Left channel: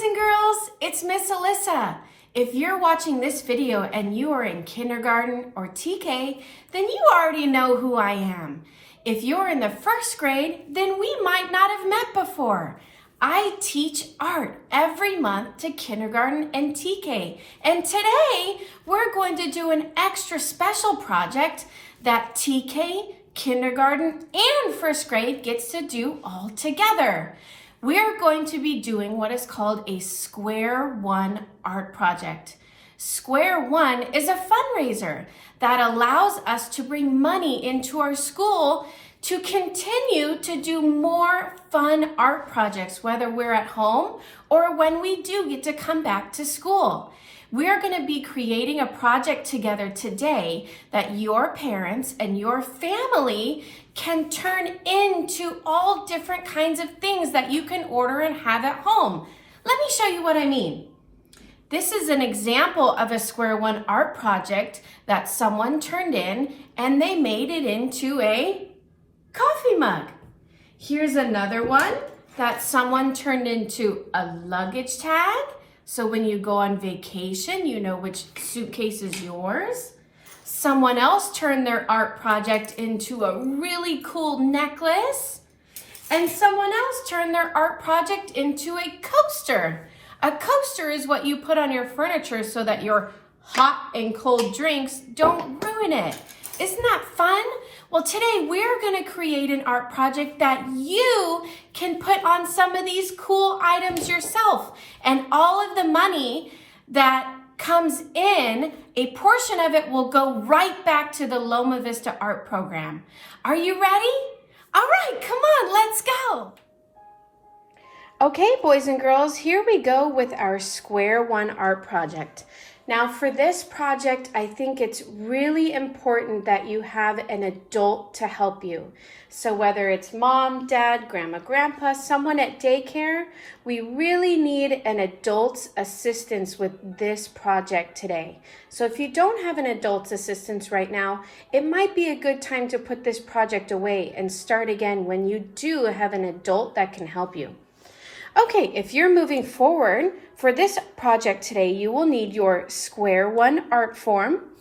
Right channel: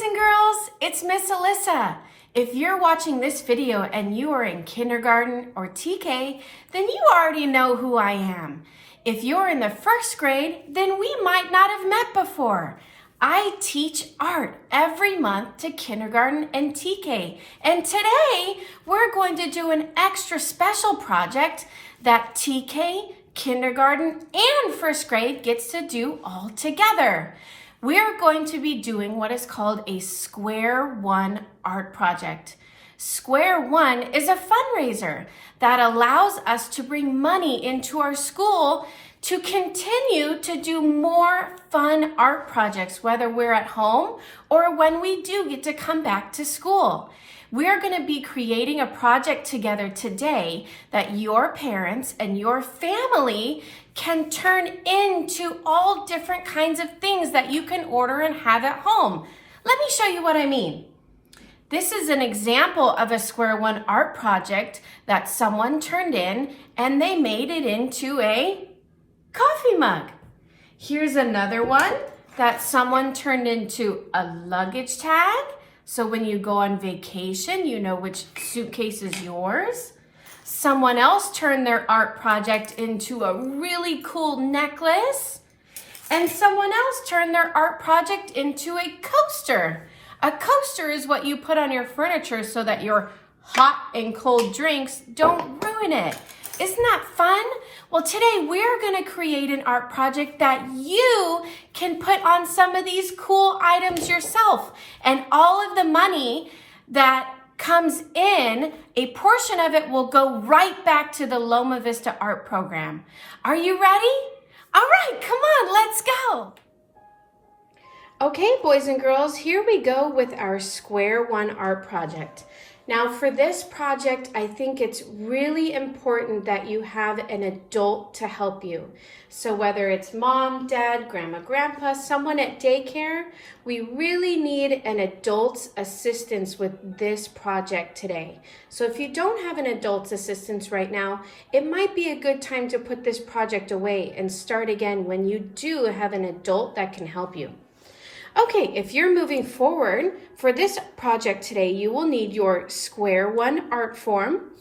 boys and girls, it's Miss Alyssa. If you're watching this video and you are in kindergarten or TK, then you already know who I am. If you're in the first grade, then we might not have met before. I teach art every month to kindergarten and TK. And today, we're going to do an extra special project that TK, kindergarten, and first grade gets to do all together. We're going to be doing what is called a Square One art project. Square One is a fundraiser that allows us to bring money into our school to continue to do more fun art projects, whether we're at home or when we do get to come back to school. We're going to be creating a project together today that your parents and your family can turn into all different kinds of things that you can order and have at home. Let me show you what I mean. This is an example of a Square One art project that someone turned in and they made it into a coffee mug. Here's another one that someone turned into a luggage tag. So when you go on vacation, you know which suitcase is yours. Someone else turned their art project into a really cool necklace. And someone else turned their art project into a coaster. A coaster is what you put on your furniture so that your hot and cold drinks don't ruin it. Isn't that fun? Well, today we're going to create an art project that you can put on some of these cool items yourself. And all of the money that comes in, a portion of it will go right back to the Loma Vista art program. Are you ready? All right, come on, let's go. Okay, boys and girls, here we go with our Square One art project. Now for this project, I think it's really important that you have an adult to help you. So whether it's mom, dad, grandma, grandpa, someone at daycare, we really need an adult's assistance with this project today. So if you don't have an adult's assistance right now, it might be a good time to put this project away and start again when you do have an adult that can help you. Okay, if you're moving forward, for this project today, you will need your Square One art form,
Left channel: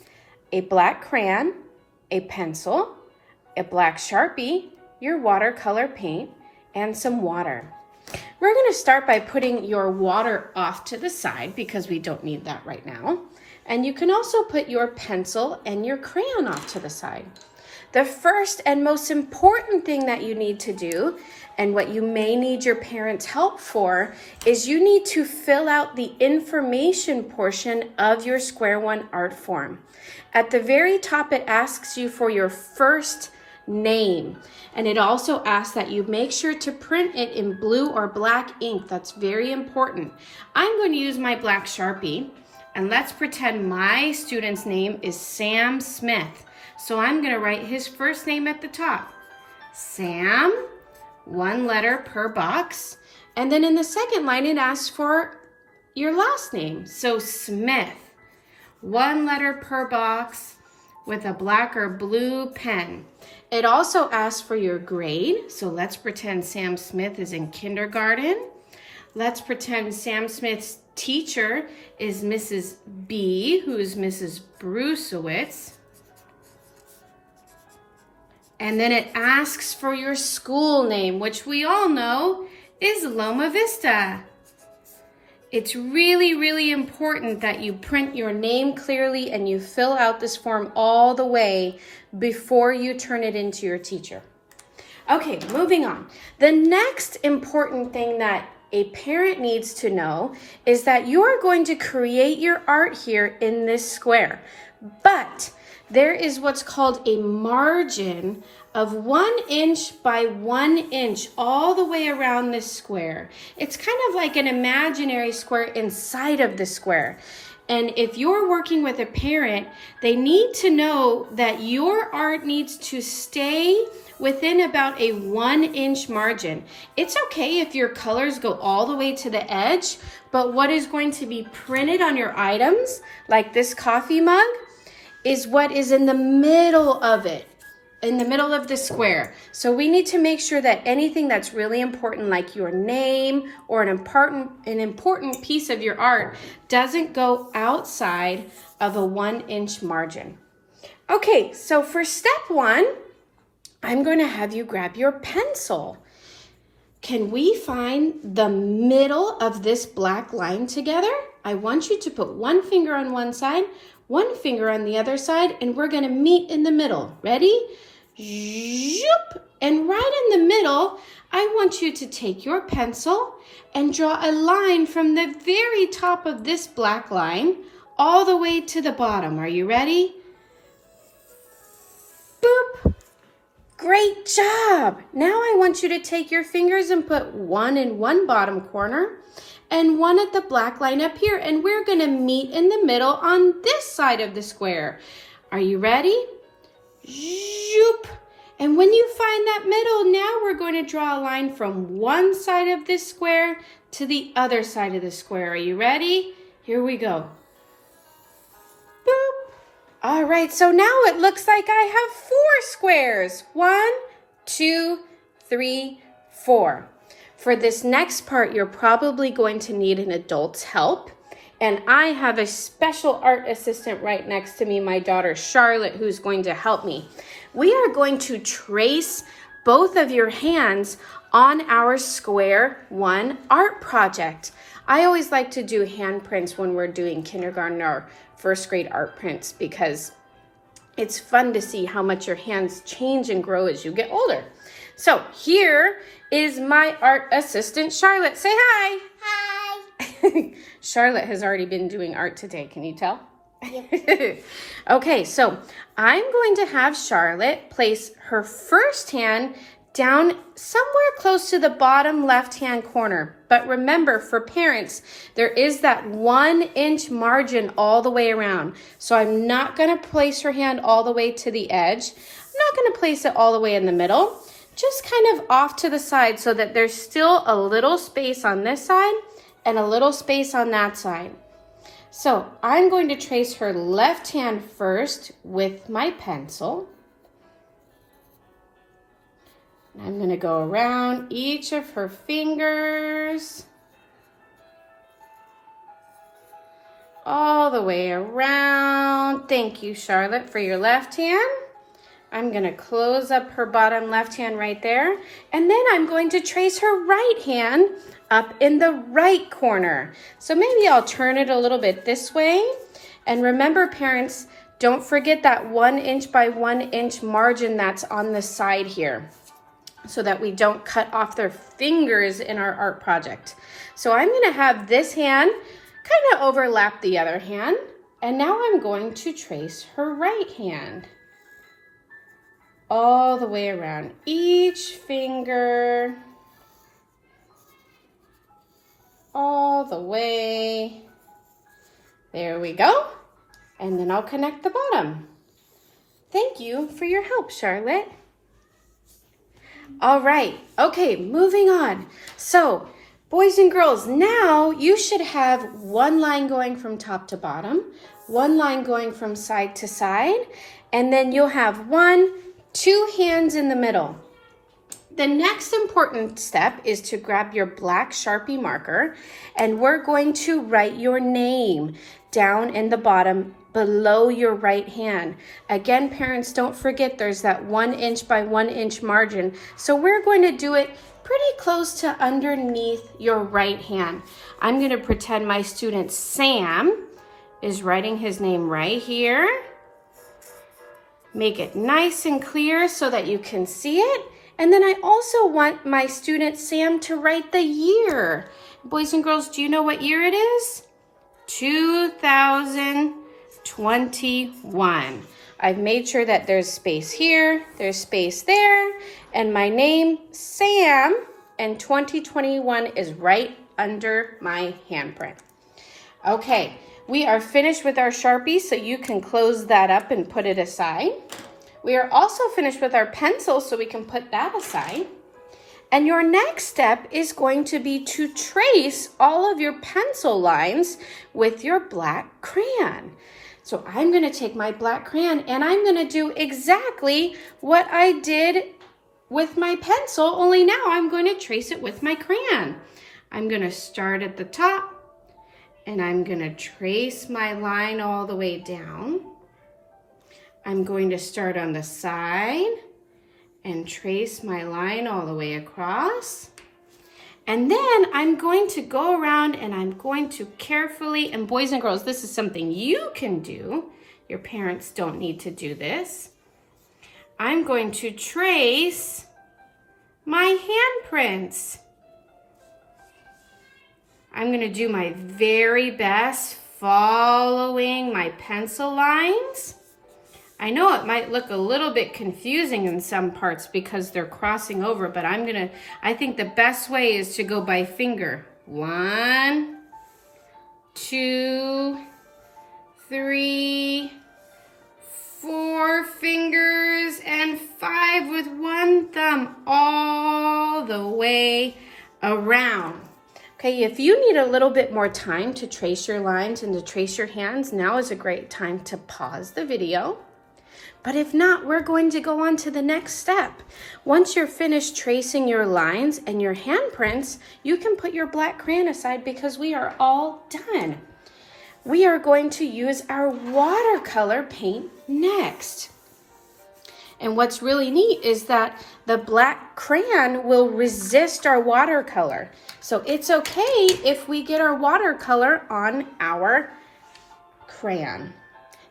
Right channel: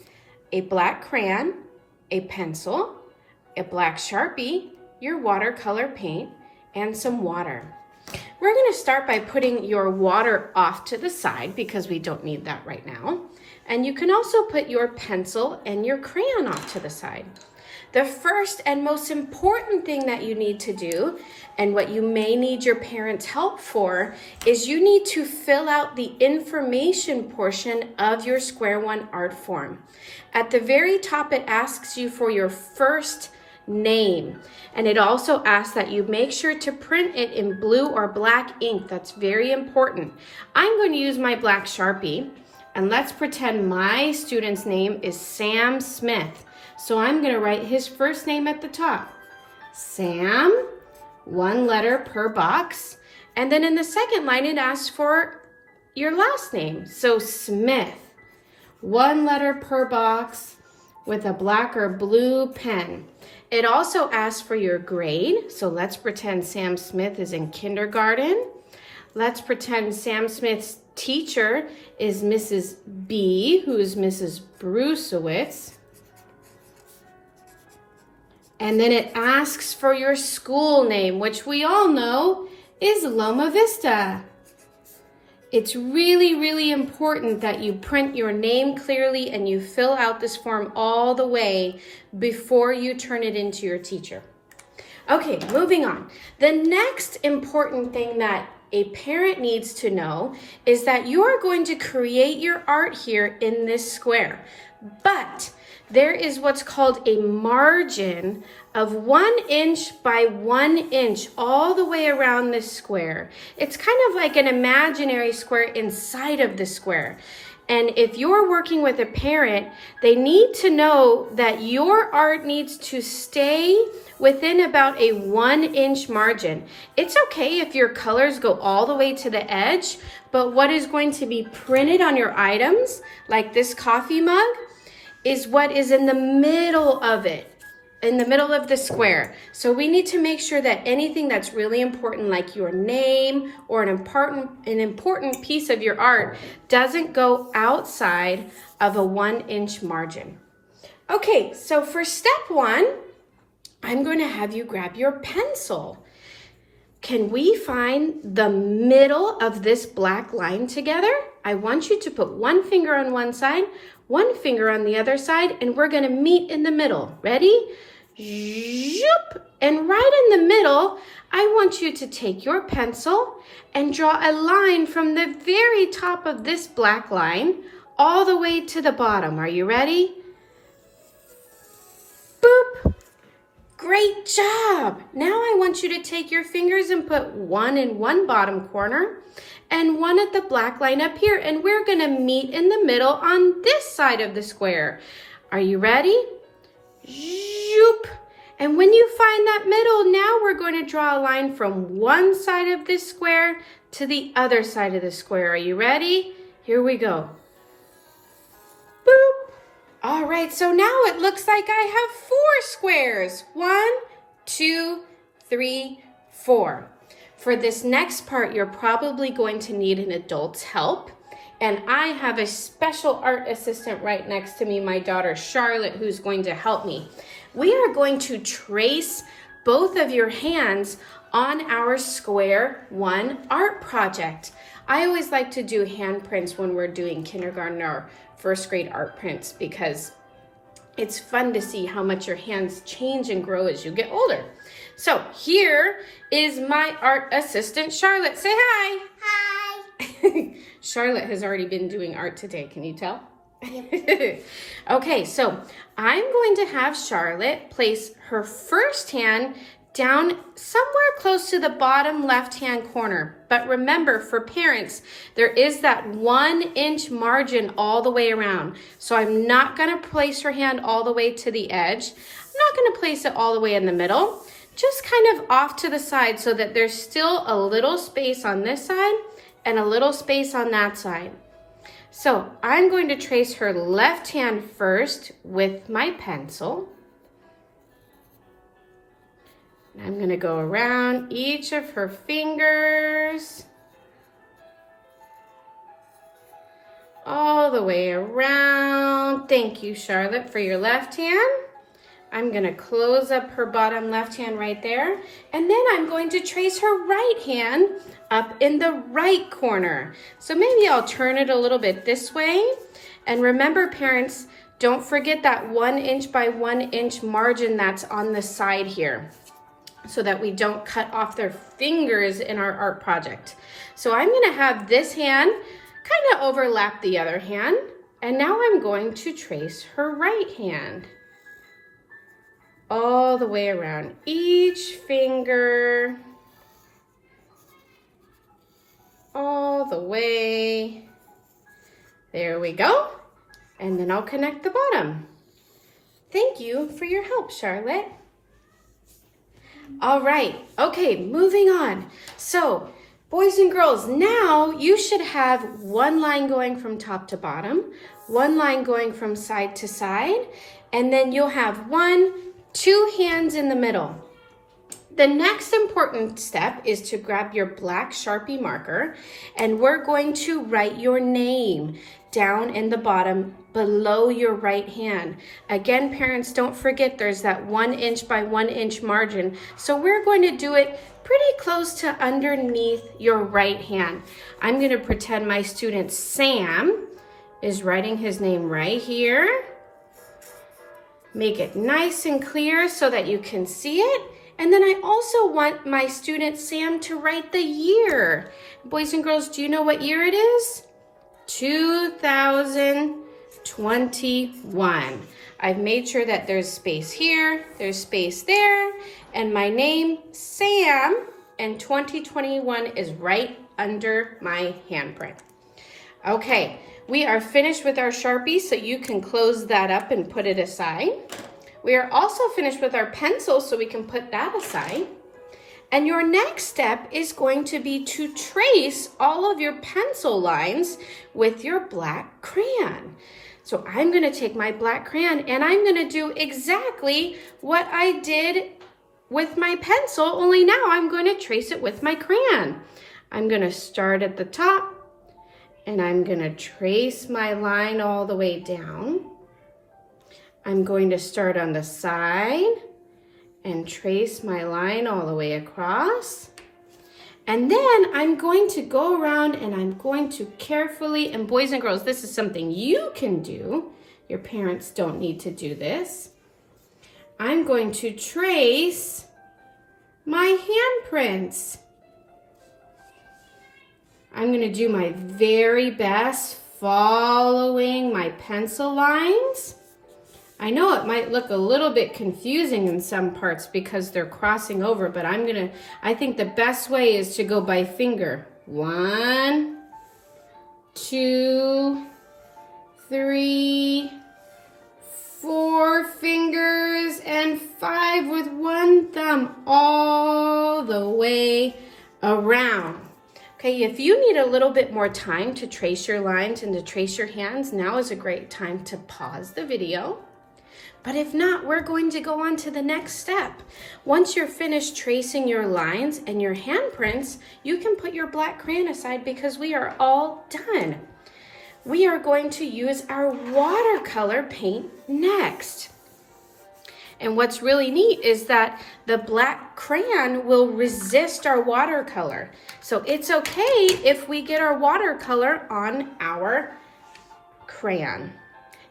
a black crayon, a pencil, a black Sharpie, your watercolor paint, and some water. We're going to start by putting your water off to the side because we don't need that right now. And you can also put your pencil and your crayon off to the side. The first and most important thing that you need to do, and what you may need your parents' help for, is you need to fill out the information portion of your Square One art form. At the very top, it asks you for your first name, and it also asks that you make sure to print it in blue or black ink. That's very important. I'm going to use my black Sharpie, and let's pretend my student's name is Sam Smith. So I'm going to write his first name at the top. Sam, one letter per box. And then in the second line, it asks for your last name. So Smith, one letter per box with a black or blue pen. It also asks for your grade. So let's pretend Sam Smith is in kindergarten. Let's pretend Sam Smith's teacher is Mrs. B, who is Mrs. Brusewitz. And then it asks for your school name, which we all know is Loma Vista. It's really, really important that you print your name clearly and you fill out this form all the way before you turn it into your teacher. Okay, moving on. The next important thing that a parent needs to know is that you're going to create your art here in this square, but there is what's called a margin of 1 inch by 1 inch all the way around this square. It's kind of like an imaginary square inside of the square. And if you're working with a parent, they need to know that your art needs to stay within about a 1 inch margin. It's okay if your colors go all the way to the edge, but what is going to be printed on your items, like this coffee mug, is what is in the middle of it. in the middle of the square. So we need to make sure that anything that's really important, like your name or an important piece of your art, doesn't go outside of a 1-inch margin. Okay, so for step 1, I'm going to have you grab your pencil. Can we find the middle of this black line together? I want you to put one finger on one side, one finger on the other side, and we're going to meet in the middle. Ready? Zoop! And right in the middle, I want you to take your pencil and draw a line from the very top of this black line all the way to the bottom. Are you ready? Boop! Great job! Now I want you to take your fingers and put one in one bottom corner and one at the black line up here, and we're going to meet in the middle on this side of the square. Are you ready? Zoop! And when you find that middle, now we're going to draw a line from one side of this square to the other side of the square. Are you ready? Here we go. Boop! All right, so now it looks like I have 4 squares. 1, 2, 3, 4. For this next part, you're probably going to need an adult's help. And I have a special art assistant right next to me, my daughter Charlotte, who's going to help me. We are going to trace both of your hands on our square 1 art project. I always like to do handprints when we're doing kindergarten or first grade art prints because it's fun to see how much your hands change and grow as you get older. So here is my art assistant, Charlotte. Say hi. Hi. Charlotte has already been doing art today. Can you tell? Yep. Okay, so I'm going to have Charlotte place her first hand down somewhere close to the bottom left-hand corner. But remember, for parents, there is that 1-inch margin all the way around. So I'm not going to place her hand all the way to the edge. I'm not going to place it all the way in the middle. Just kind of off to the side so that there's still a little space on this side and a little space on that side. So I'm going to trace her left hand first with my pencil. I'm going to go around each of her fingers, all the way around. Thank you, Charlotte, for your left hand. I'm going to close up her bottom left hand right there, and then I'm going to trace her right hand up in the right corner. So maybe I'll turn it a little bit this way. And remember, parents, don't forget that 1-inch by 1-inch margin that's on the side here, so that we don't cut off their fingers in our art project. So I'm going to have this hand kind of overlap the other hand, and now I'm going to trace her right hand all the way around each finger, all the way. There we go. And then I'll connect the bottom. Thank you for your help, Charlotte. All right, okay, moving on. So, boys and girls, now you should have one line going from top to bottom, one line going from side to side, and then you'll have 2 hands in the middle. The next important step is to grab your black Sharpie marker, and we're going to write your name down in the bottom below your right hand. Again, parents, don't forget there's that 1-inch by 1-inch margin. So we're going to do it pretty close to underneath your right hand. I'm going to pretend my student Sam is writing his name right here. Make it nice and clear so that you can see it. And then I also want my student Sam to write the year. Boys and girls, do you know what year it is? 2021. I've made sure that there's space here, there's space there, and my name, Sam, and 2021 is right under my handprint. Okay, we are finished with our Sharpie, so you can close that up and put it aside. We are also finished with our pencil, so we can put that aside. And your next step is going to be to trace all of your pencil lines with your black crayon. So I'm gonna take my black crayon and I'm gonna do exactly what I did with my pencil, only now I'm going to trace it with my crayon. I'm gonna start at the top and I'm gonna trace my line all the way down. I'm going to start on the side and trace my line all the way across. And then I'm going to go around and I'm going to carefully, and boys and girls, this is something you can do. Your parents don't need to do this. I'm going to trace my handprints. I'm going to do my very best following my pencil lines. I know it might look a little bit confusing in some parts because they're crossing over, but I think the best way is to go by finger. 1, 2, 3, 4 fingers, and 5 with one thumb all the way around. Okay, if you need a little bit more time to trace your lines and to trace your hands, now is a great time to pause the video. But if not, we're going to go on to the next step. Once you're finished tracing your lines and your handprints, you can put your black crayon aside because we are all done. We are going to use our watercolor paint next. And what's really neat is that the black crayon will resist our watercolor. So it's okay if we get our watercolor on our crayon.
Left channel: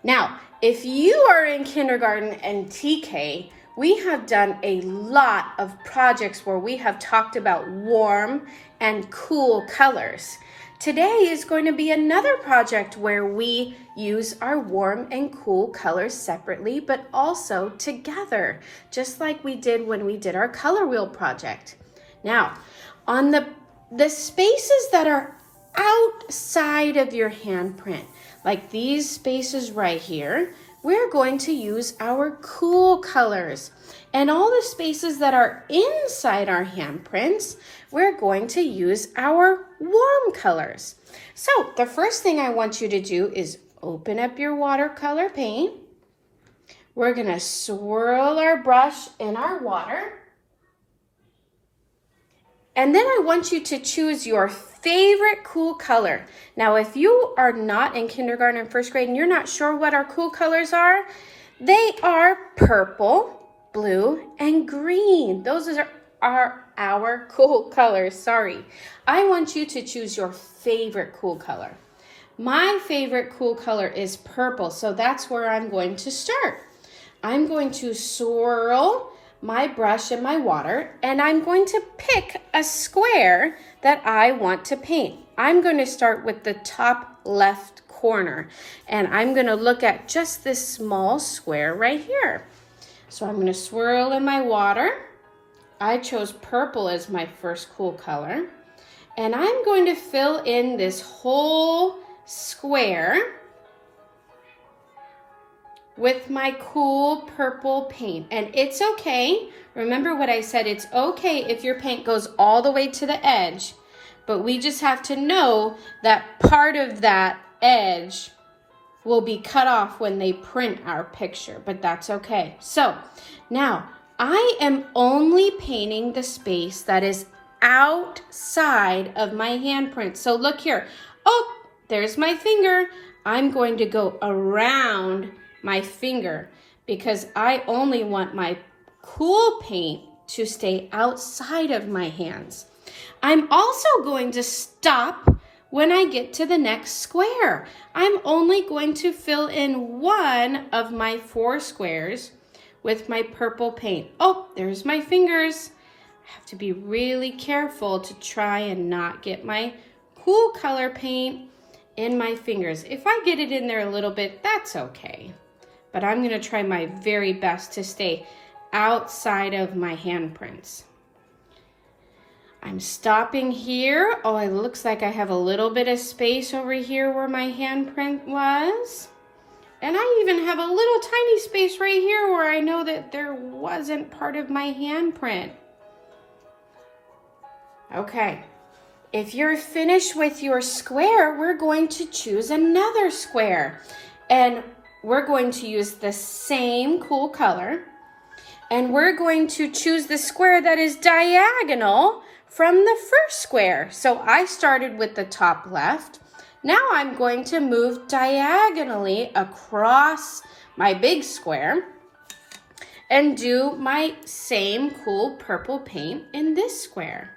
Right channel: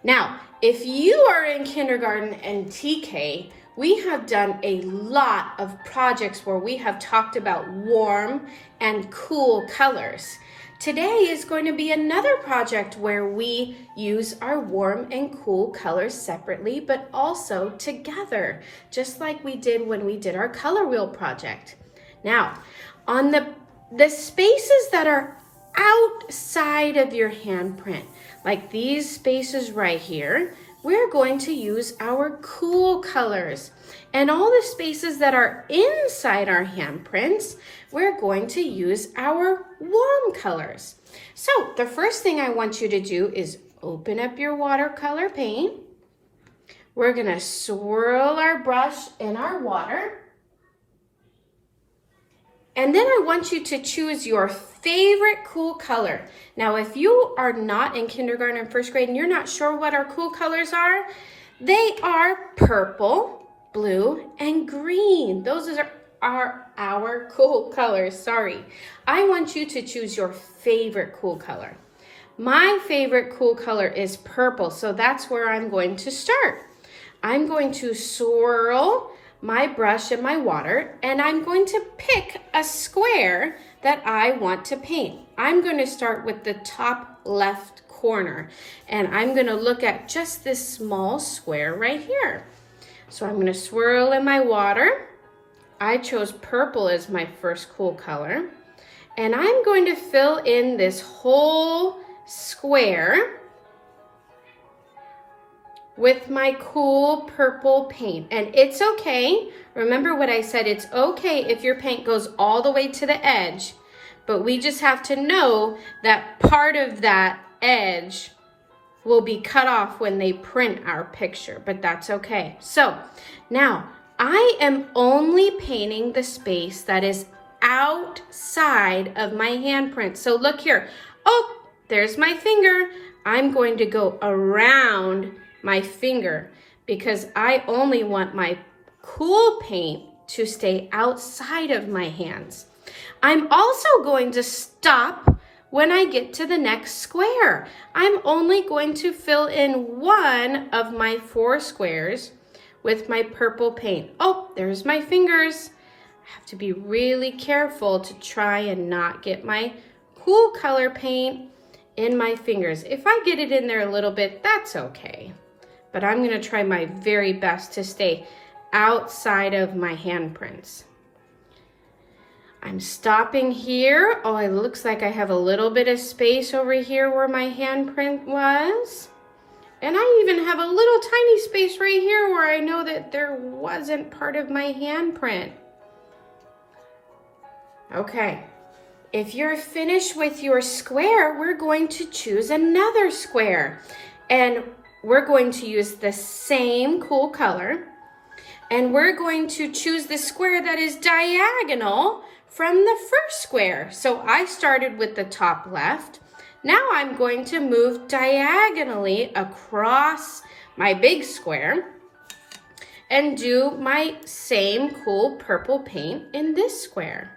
Now, if you are in kindergarten and TK, we have done a lot of projects where we have talked about warm and cool colors. Today is going to be another project where we use our warm and cool colors separately, but also together, just like we did when we did our color wheel project. Now, on the spaces that are outside of your handprint, like these spaces right here, we're going to use our cool colors. And all the spaces that are inside our handprints, we're going to use our warm colors. So the first thing I want you to do is open up your watercolor paint. We're gonna swirl our brush in our water. And then I want you to choose your favorite cool color. Now, if you are not in kindergarten and first grade and you're not sure what our cool colors are, they are purple, blue, and green. Those are our cool colors, sorry. I want you to choose your favorite cool color. My favorite cool color is purple, so that's where I'm going to start. I'm going to swirl my brush in my water, and I'm going to pick a square that I want to paint. I'm going to start with the top left corner, and I'm going to look at just this small square right here. So I'm going to swirl in my water. I chose purple as my first cool color, and I'm going to fill in this whole square with my cool purple paint. And it's okay, remember what I said, it's okay if your paint goes all the way to the edge, but we just have to know that part of that edge will be cut off when they print our picture, but that's okay. So now I am only painting the space that is outside of my handprint. So look here, oh, there's my finger. I'm going to go around my finger because I only want my cool paint to stay outside of my hands. I'm also going to stop when I get to the next square. I'm only going to fill in one of my 4 squares with my purple paint. Oh, there's my fingers. I have to be really careful to try and not get my cool color paint in my fingers. If I get it in there a little bit, that's okay. But I'm going to try my very best to stay outside of my handprints. I'm stopping here. Oh, it looks like I have a little bit of space over here where my handprint was. And I even have a little tiny space right here where I know that there wasn't part of my handprint. Okay, if you're finished with your square, we're going to choose another square. And we're going to use the same cool color. And we're going to choose the square that is diagonal from the first square. So I started with the top left. Now I'm going to move diagonally across my big square and do my same cool purple paint in this square.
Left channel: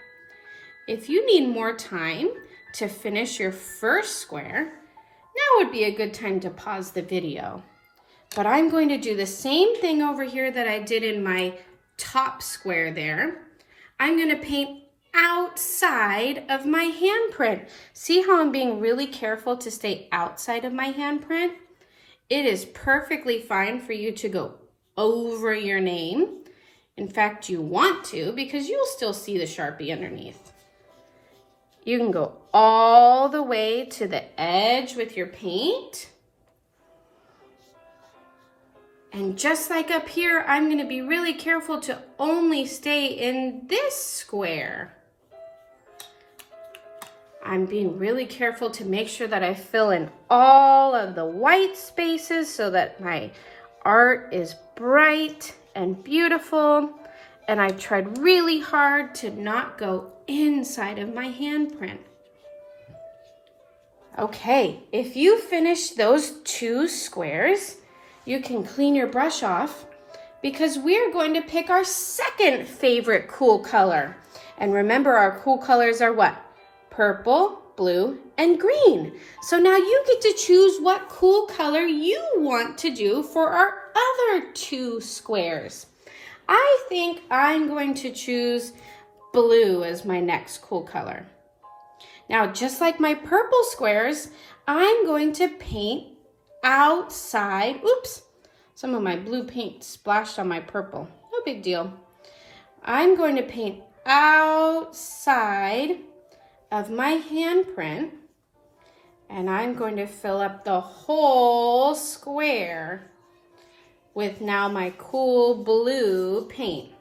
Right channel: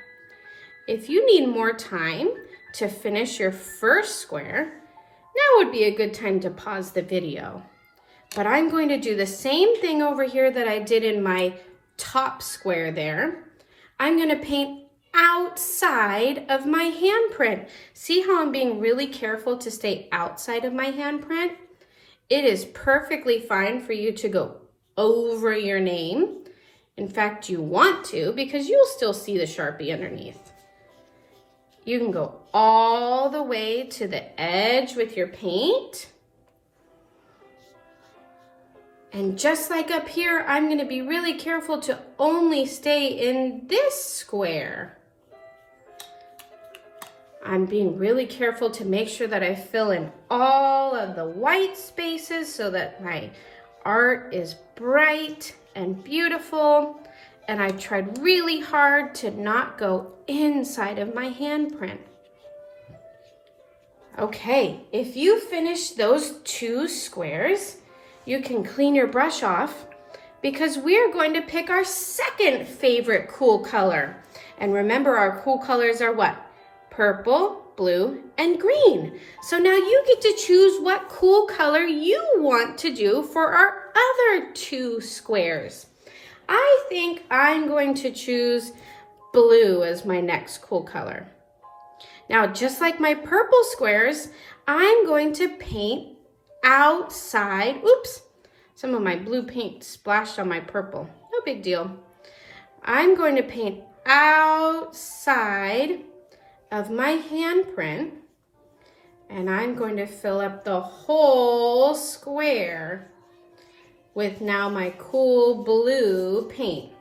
If you need more time to finish your first square, now would be a good time to pause the video. But I'm going to do the same thing over here that I did in my top square there. I'm going to paint outside of my handprint. See how I'm being really careful to stay outside of my handprint? It is perfectly fine for you to go over your name. In fact, you want to because you'll still see the Sharpie underneath. You can go all the way to the edge with your paint. And just like up here, I'm going to be really careful to only stay in this square. I'm being really careful to make sure that I fill in all of the white spaces so that my art is bright and beautiful. And I tried really hard to not go inside of my handprint. Okay, if you finish those 2 squares, you can clean your brush off because we're going to pick our second favorite cool color. And remember, our cool colors are what? Purple, blue, and green. So now you get to choose what cool color you want to do for our other 2 squares. I think I'm going to choose blue as my next cool color. Now, just like my purple squares, I'm going to paint outside. Oops, some of my blue paint splashed on my purple. No big deal. I'm going to paint outside of my handprint, and I'm going to fill up the whole square with now my cool blue paint.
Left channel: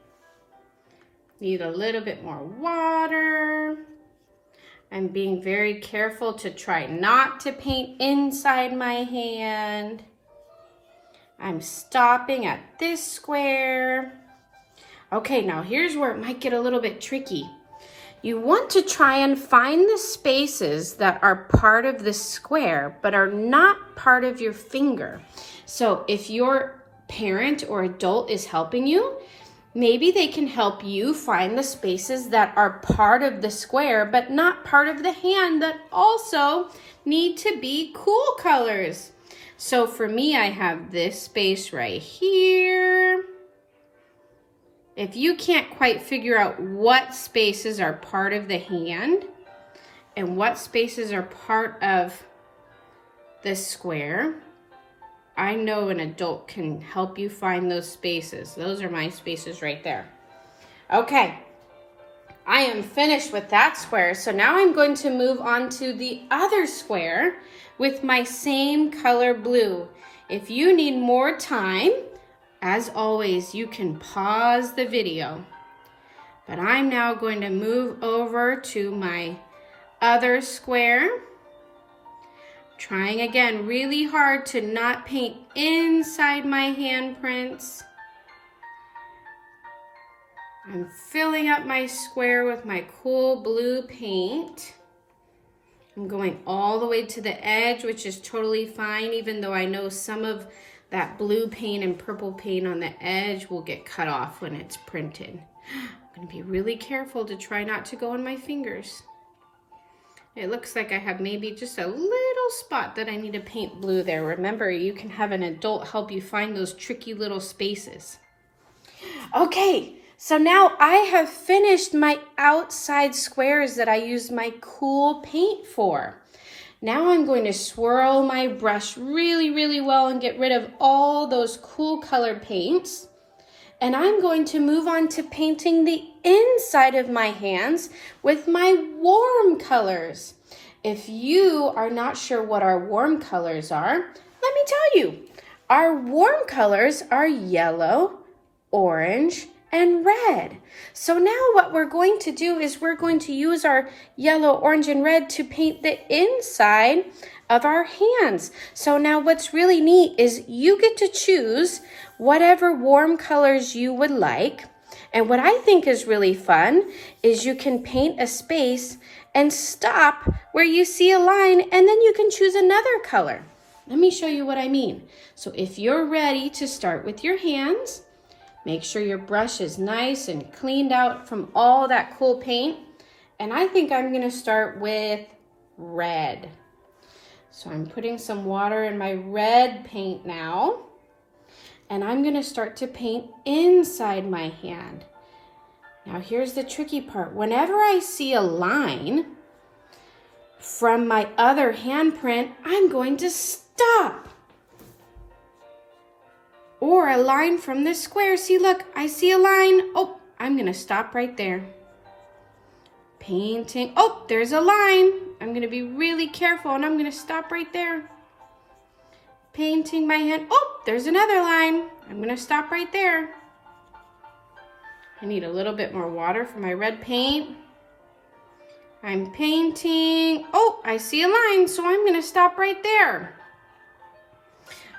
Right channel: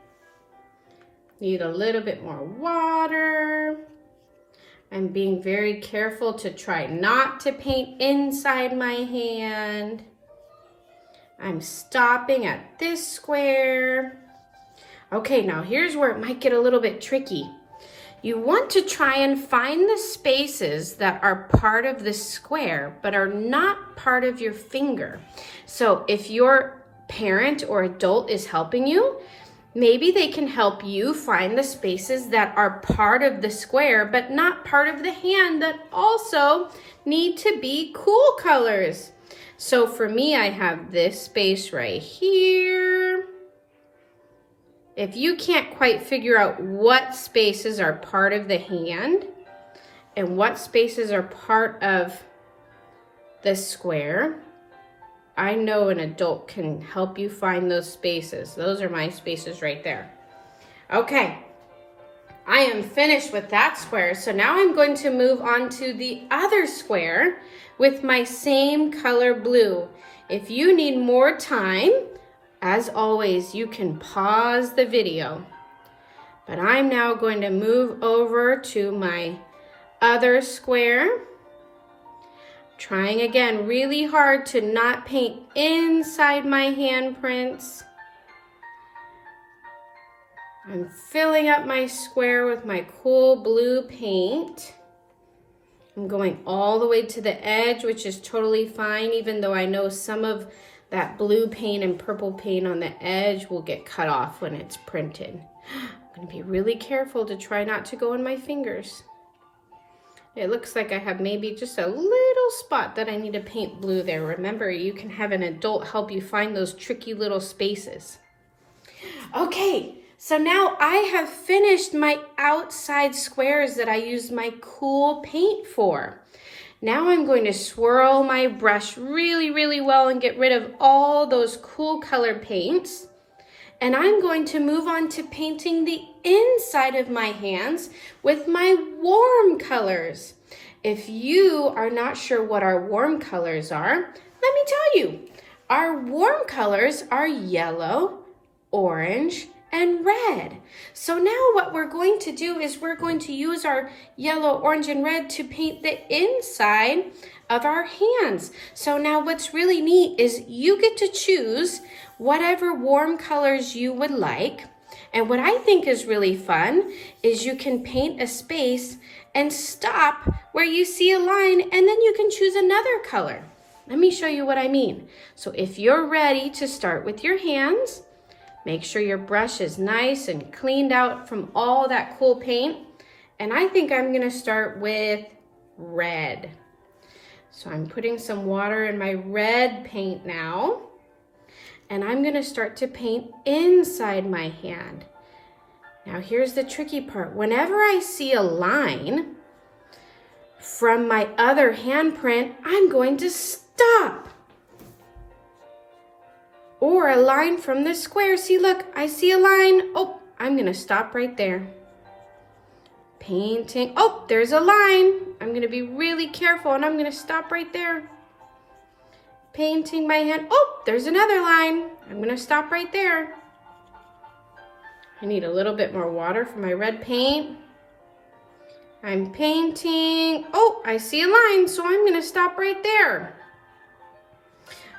Need a little bit more water. I'm being very careful to try not to paint inside my hand. I'm stopping at this square. Okay, now here's where it might get a little bit tricky. You want to try and find the spaces that are part of the square but are not part of your finger. So if your parent or adult is helping you, maybe they can help you find the spaces that are part of the square but not part of the hand that also need to be cool colors. So for me, I have this space right here. If you can't quite figure out what spaces are part of the hand and what spaces are part of the square, I know an adult can help you find those spaces. Those are my spaces right there. Okay, I am finished with that square. So now I'm going to move on to the other square with my same color blue. If you need more time, as always, you can pause the video. But I'm now going to move over to my other square. Trying again really hard to not paint inside my handprints. I'm filling up my square with my cool blue paint. I'm going all the way to the edge, which is totally fine, even though I know some of that blue paint and purple paint on the edge will get cut off when it's printed. I'm going to be really careful to try not to go on my fingers. It looks like I have maybe just a little spot that I need to paint blue there. Remember, you can have an adult help you find those tricky little spaces. Okay, so now I have finished my outside squares that I used my cool paint for. Now I'm going to swirl my brush really, really well and get rid of all those cool colored paints. And I'm going to move on to painting the inside of my hands with my warm colors. If you are not sure what our warm colors are, let me tell you. Our warm colors are yellow, orange, and red. So now what we're going to do is we're going to use our yellow, orange, and red to paint the inside of our hands. So now what's really neat is you get to choose whatever warm colors you would like. And what I think is really fun is you can paint a space and stop where you see a line, and then you can choose another color. Let me show you what I mean. So if you're ready to start with your hands, make sure your brush is nice and cleaned out from all that cool paint. And I think I'm gonna start with red. So I'm putting some water in my red paint now. And I'm gonna start to paint inside my hand. Now here's the tricky part. Whenever I see a line from my other handprint, I'm going to stop. Or a line from the square. See, look, I see a line. Oh, I'm gonna stop right there. Painting. Oh, there's a line. I'm gonna be really careful and I'm gonna stop right there. Painting my hand. Oh, there's another line. I'm gonna stop right there. I need a little bit more water for my red paint. I'm painting. Oh, I see a line, so I'm gonna stop right there.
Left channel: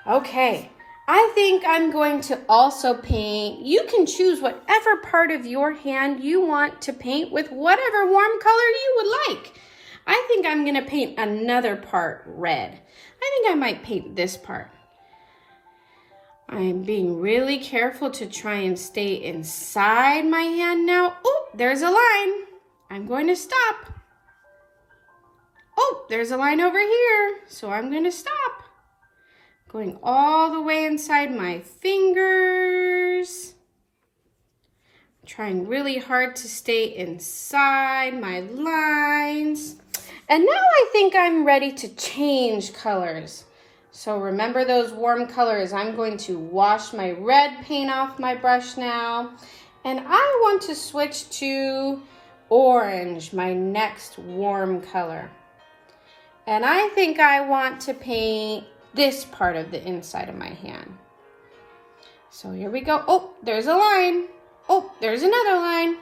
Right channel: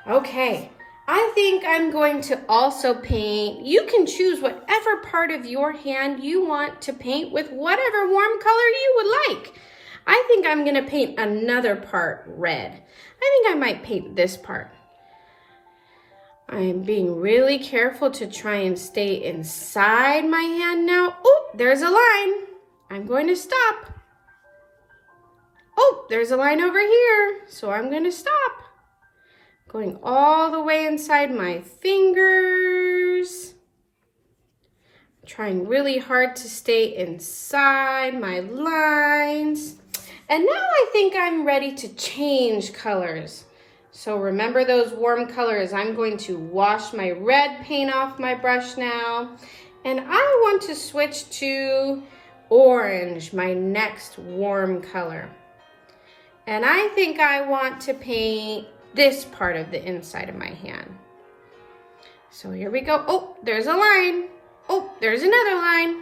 Okay, I think I'm going to also paint. You can choose whatever part of your hand you want to paint with whatever warm color you would like. I think I'm gonna paint another part red. I think I might paint this part. I'm being really careful to try and stay inside my hand now. Oh, there's a line. I'm going to stop. Oh, there's a line over here, so I'm going to stop. Going all the way inside my fingers. Trying really hard to stay inside my lines. And now I think I'm ready to change colors. So remember those warm colors. I'm going to wash my red paint off my brush now. And I want to switch to orange, my next warm color. And I think I want to paint this part of the inside of my hand. So here we go. Oh, there's a line. Oh, there's another line.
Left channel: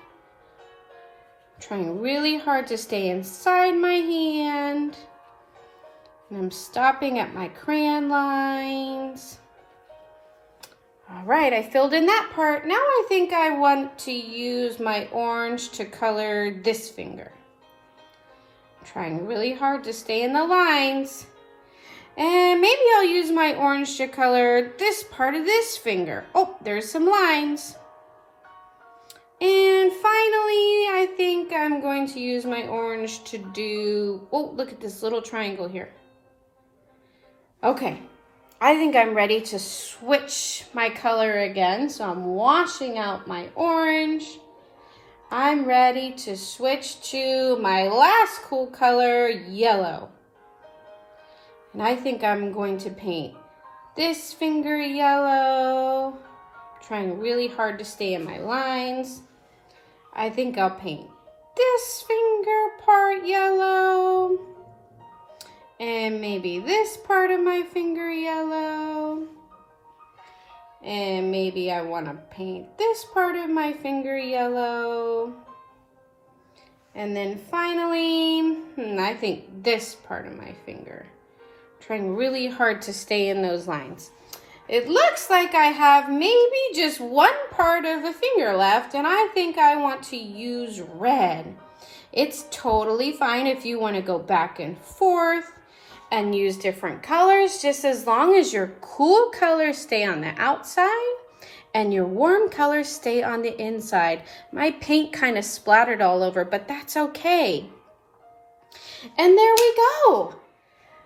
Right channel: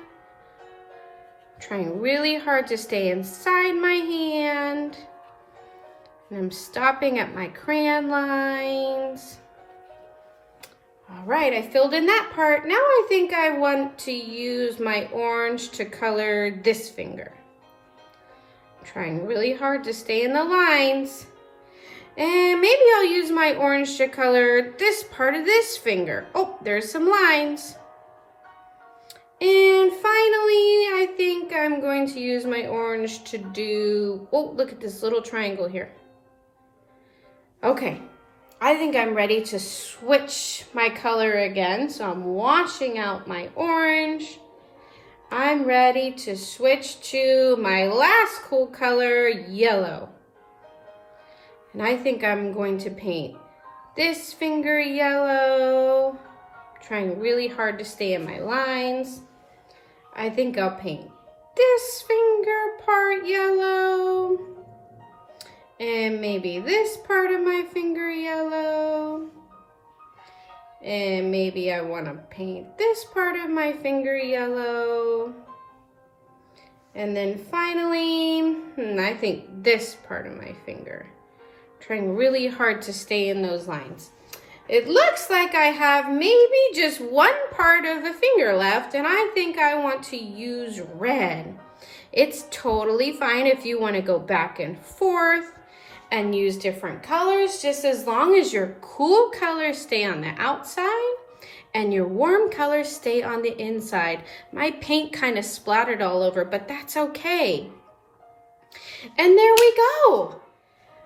Trying really hard to stay inside my hand. And I'm stopping at my crayon lines. All right, I filled in that part. Now I think I want to use my orange to color this finger. I'm trying really hard to stay in the lines. And maybe I'll use my orange to color this part of this finger. Oh, there's some lines. And finally, I think I'm going to use my orange to do, oh, look at this little triangle here. Okay, I think I'm ready to switch my color again. So I'm washing out my orange. I'm ready to switch to my last cool color, yellow. And I think I'm going to paint this finger yellow. Trying really hard to stay in my lines. I think I'll paint this finger part yellow. And maybe this part of my finger yellow. And maybe I want to paint this part of my finger yellow. And then finally, I think this part of my finger. Trying really hard to stay in those lines. It looks like I have maybe just one part of a finger left, and I think I want to use red. It's totally fine if you want to go back and forth and use different colors, just as long as your cool colors stay on the outside and your warm colors stay on the inside. My paint kind of splattered all over, but that's okay. And there we go.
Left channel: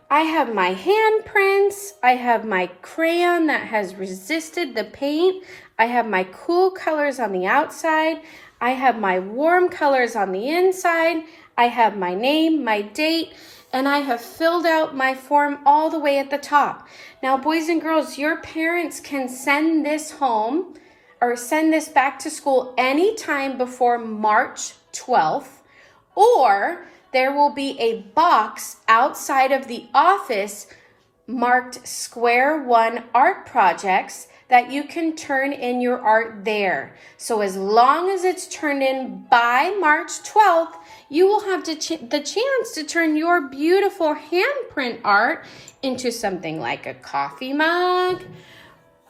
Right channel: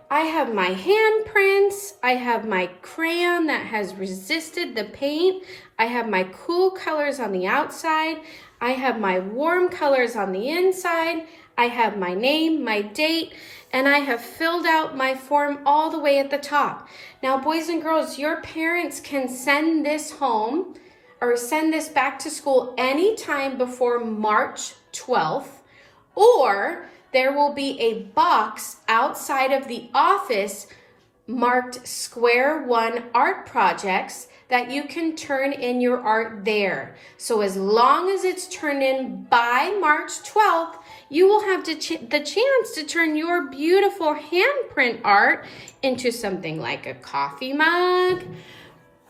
I have my handprints, I have my crayon that has resisted the paint, I have my cool colors on the outside, I have my warm colors on the inside, I have my name, my date, and I have filled out my form all the way at the top. Now, boys and girls, your parents can send this home or send this back to school anytime before March 12th, or there will be a box outside of the office marked Square One Art Projects that you can turn in your art there. So as long as it's turned in by March 12th, you will have the chance to turn your beautiful handprint art into something like a coffee mug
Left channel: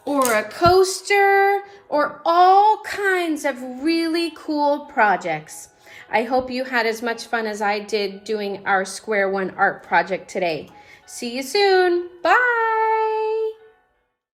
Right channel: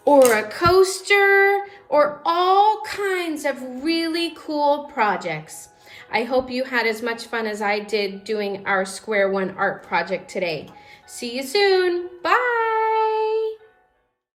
or a coaster or all kinds of really cool projects. I hope you had as much fun as I did doing our Square One art project today. See you soon. Bye.